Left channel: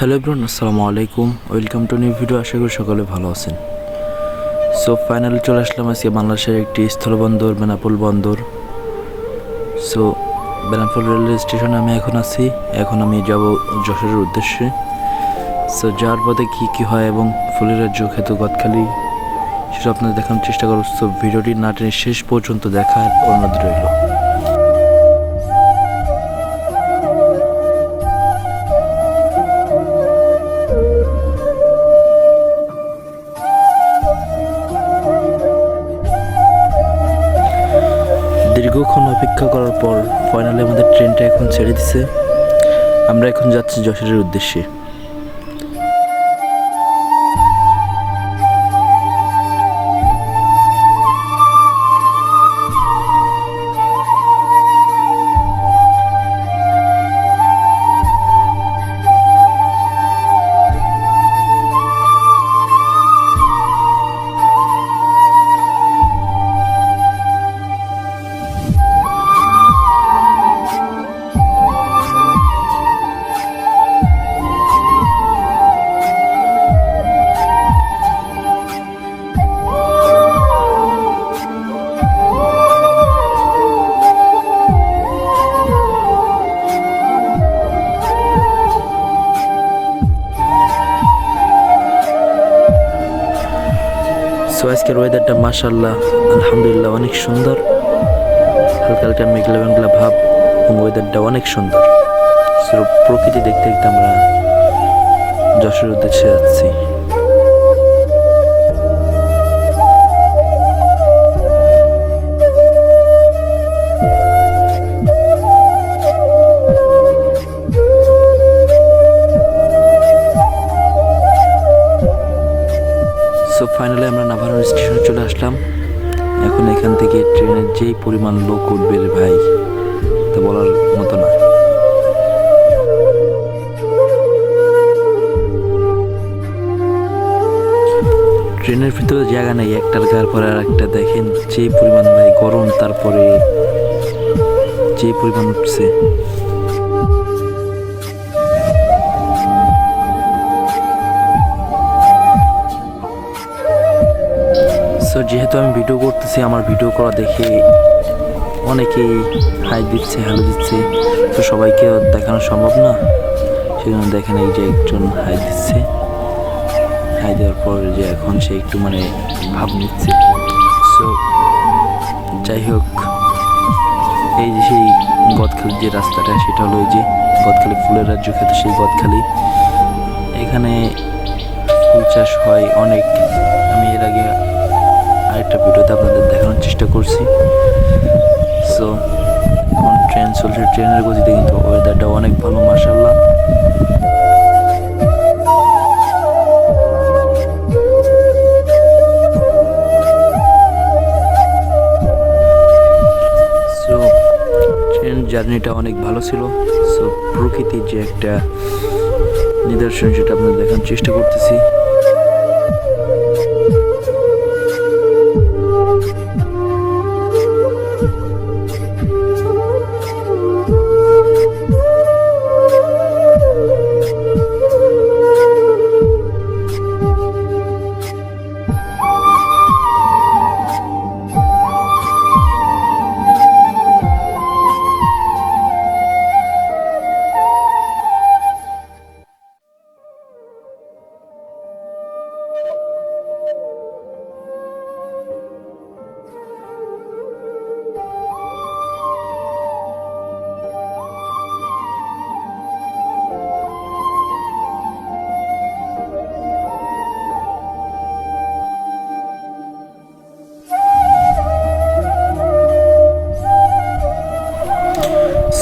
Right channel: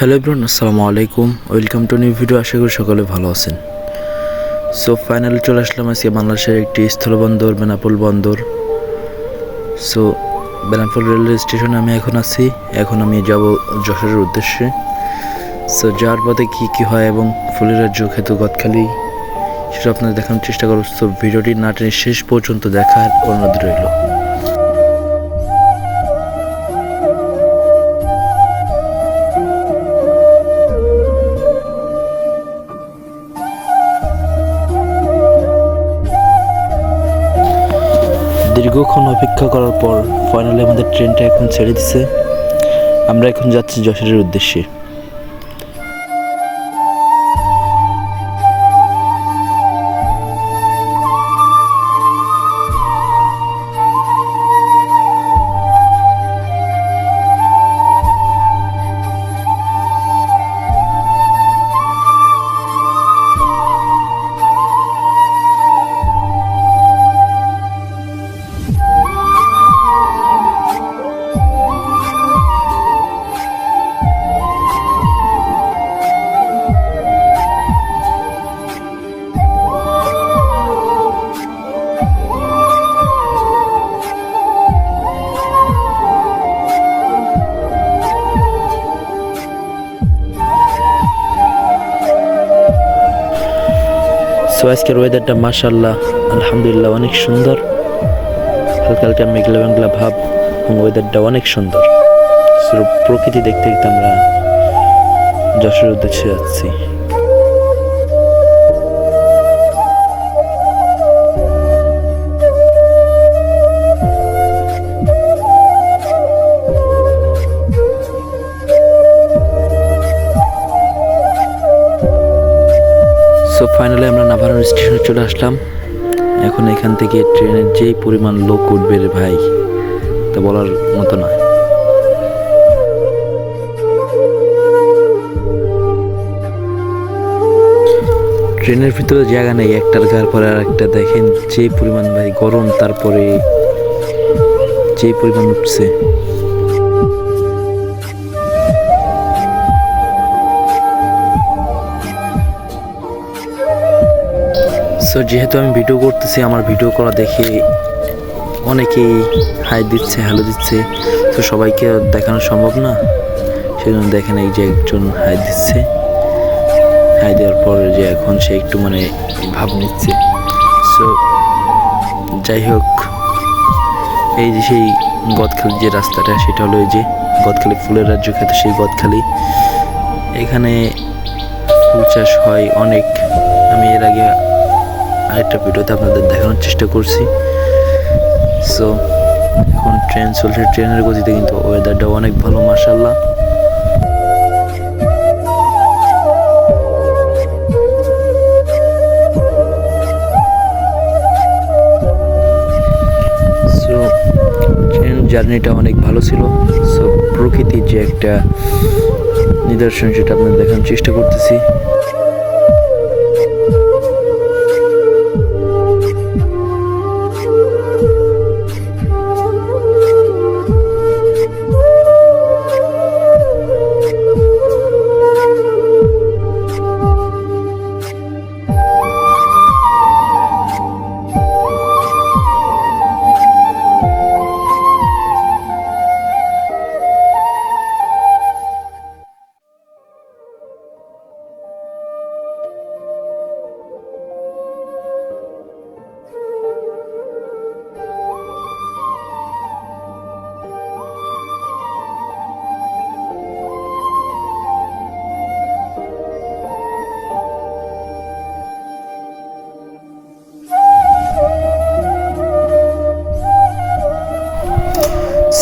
Hello everyone, আসসালামু আলাইকুম। Welcome to new video. আশা করি সকলে ভালো আছেন। সো ফাইনালি চলে আসলাম আজকে বাংলাদেশের একটি স্থলবন্দর বেনাপোল বন্দর। সো বেনাপোল রেলওয়ে স্টেশনে আমি এখন আছি। এখন আমি যাব যশোরের উদ্দেশ্যে। সো যাওয়ার পথে কী হয় এবং ফুলের রাজ্য খ্যাত গদখালি সেটা আপনাদের দেখানোর চেষ্টা করব। সো ভিডিওটি না টেনে শেষ পর্যন্ত দেখার অনুরোধ রইল। দীর্ঘক্ষণ অপেক্ষা করার পর ফাইনালি আমাদের ট্রেনটা এখন ছেড়ে দিছে। আমরা এখন যাচ্ছি যশোরের উদ্দেশ্যে। সো আজকের ওয়েদারটা মাশাআল্লাহ আলহামদুলিল্লাহ অনেক সুন্দর। হালকা হালকা মেঘলা মেঘলা ভাব এবং ওয়েদারটা অনেক সুন্দর। সো প্রকৃতি দেখতে দেখতে আমরা যশোরের উদ্দেশ্যে যাচ্ছি। সো ফাইনালি আমরা নাভারণ স্টেশনে চলে আসলাম। এখন এখান থেকে ট্রেনের যেই পরিমাণ লোক উঠবে রে ভাই, তা বলার মতো না। ট্রেনের ভিতরে জায়গা নেই, একটার ঘর পরে আর একটা। দেখেন যে পরিমাণ ভাই গরম, তারপরে যে পরিমাণ উঠছে। সো যেহেতু আমি ভিডিও করতেছি, আমার ভিডিও করা দেখে অনেকেই হাই দিচ্ছে, হ্যালো দিচ্ছে। তো সবাইকে দেখানো সম্ভব না, সেজন্য দেখেন এই যে একজন হাই দিচ্ছে। হাই দেওয়ার পর যে এখন সে একটু মানে ভাব নিচ্ছে। সো যাই হোক, এই যে সেই গদখালির যে রাস্তাটা, সেটা হলো এই যে গদখালি ফুলের রাজ্য খ্যাত সেই গদখালি। এখানে ফুল চাষ হয় অনেক। আমি এর আগে আরেকটা ভিডিওতে আপনাদের দেখানোর চেষ্টা করছি। সো এখন ট্রেন চলছে, ট্রেনের গতিতে কিন্তু ওয়েদারটা অনেক ভালো মাশাআল্লাহ। সো ট্রেন জার্নিটা অনেক ভালো ছিল। সো প্রকৃতির যে একটা নিদর্শন, সেটা আপনাদের দেখানোর চেষ্টা করতেছি।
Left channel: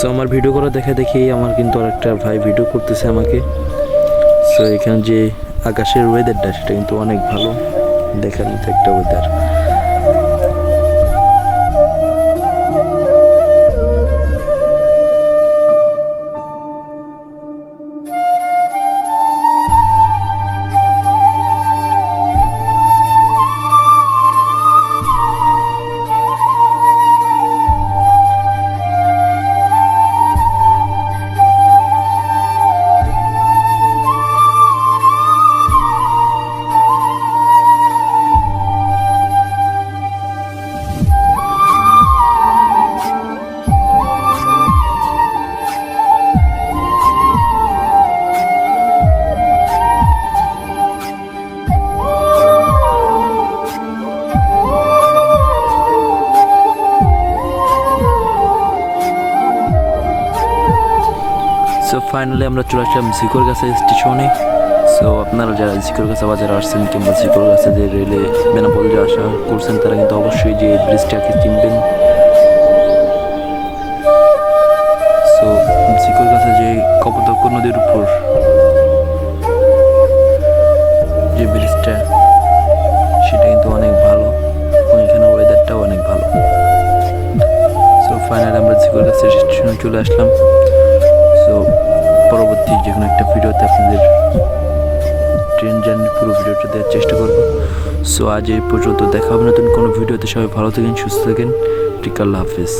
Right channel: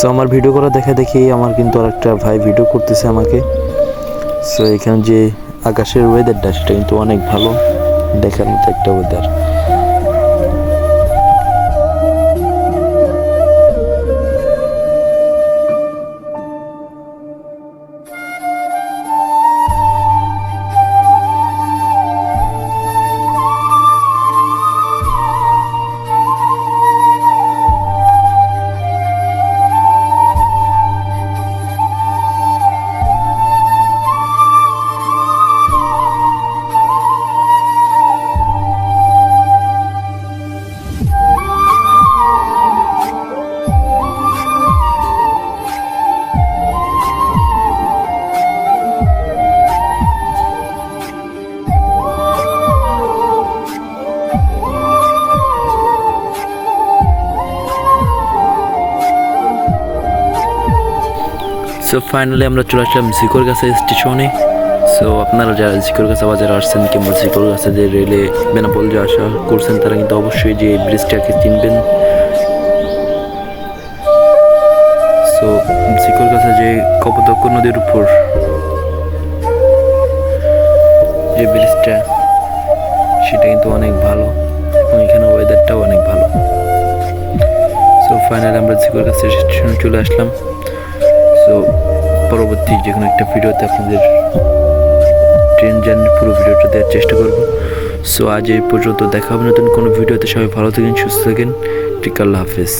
সো আমার ভিডিও করা দেখা দেখি আমার কিন্তু আরেকটা ভাই ভিডিও করতেছে আমাকে। সো এখানে যে আকাশের ওয়েদারটা, সেটা কিন্তু অনেক ভালো, দেখার মতো একটা ওয়েদার। সো ফাইনালি আমরা চলে আসলাম জিকর কাছে স্টেশনে। সো আপনারা যারা জিকর কাছে বাজারে আসছেন কিংবা জিকর কাছে যে রেলে বেনাপোল যে আসা করছেন তারা কিন্তু অবশ্যই যে এই ব্রিজটাকে চিনবেন। সো জিকর কাছে যে কপোতাক্ষ নদীর উপর যে ব্রিজটা সেটা কিন্তু অনেক ভালো এবং এখানে ওয়েদারটাও অনেক ভালো। সো ফাইনালি আমরা জিকর কাছে স্টেশনে চলে আসলাম। সো পরবর্তী যে কোনো একটা ভিডিওতে আপনাদের ট্রেন জার্নির পুরো ভিডিওটা দেওয়ার চেষ্টা করব। সো আজ এই পর্যন্ত, দেখা হবে নতুন কোনো ভিডিওতে। সবাই ভালো থাকেন, সুস্থ থাকেন। ঠিক, আল্লাহ হাফেজ।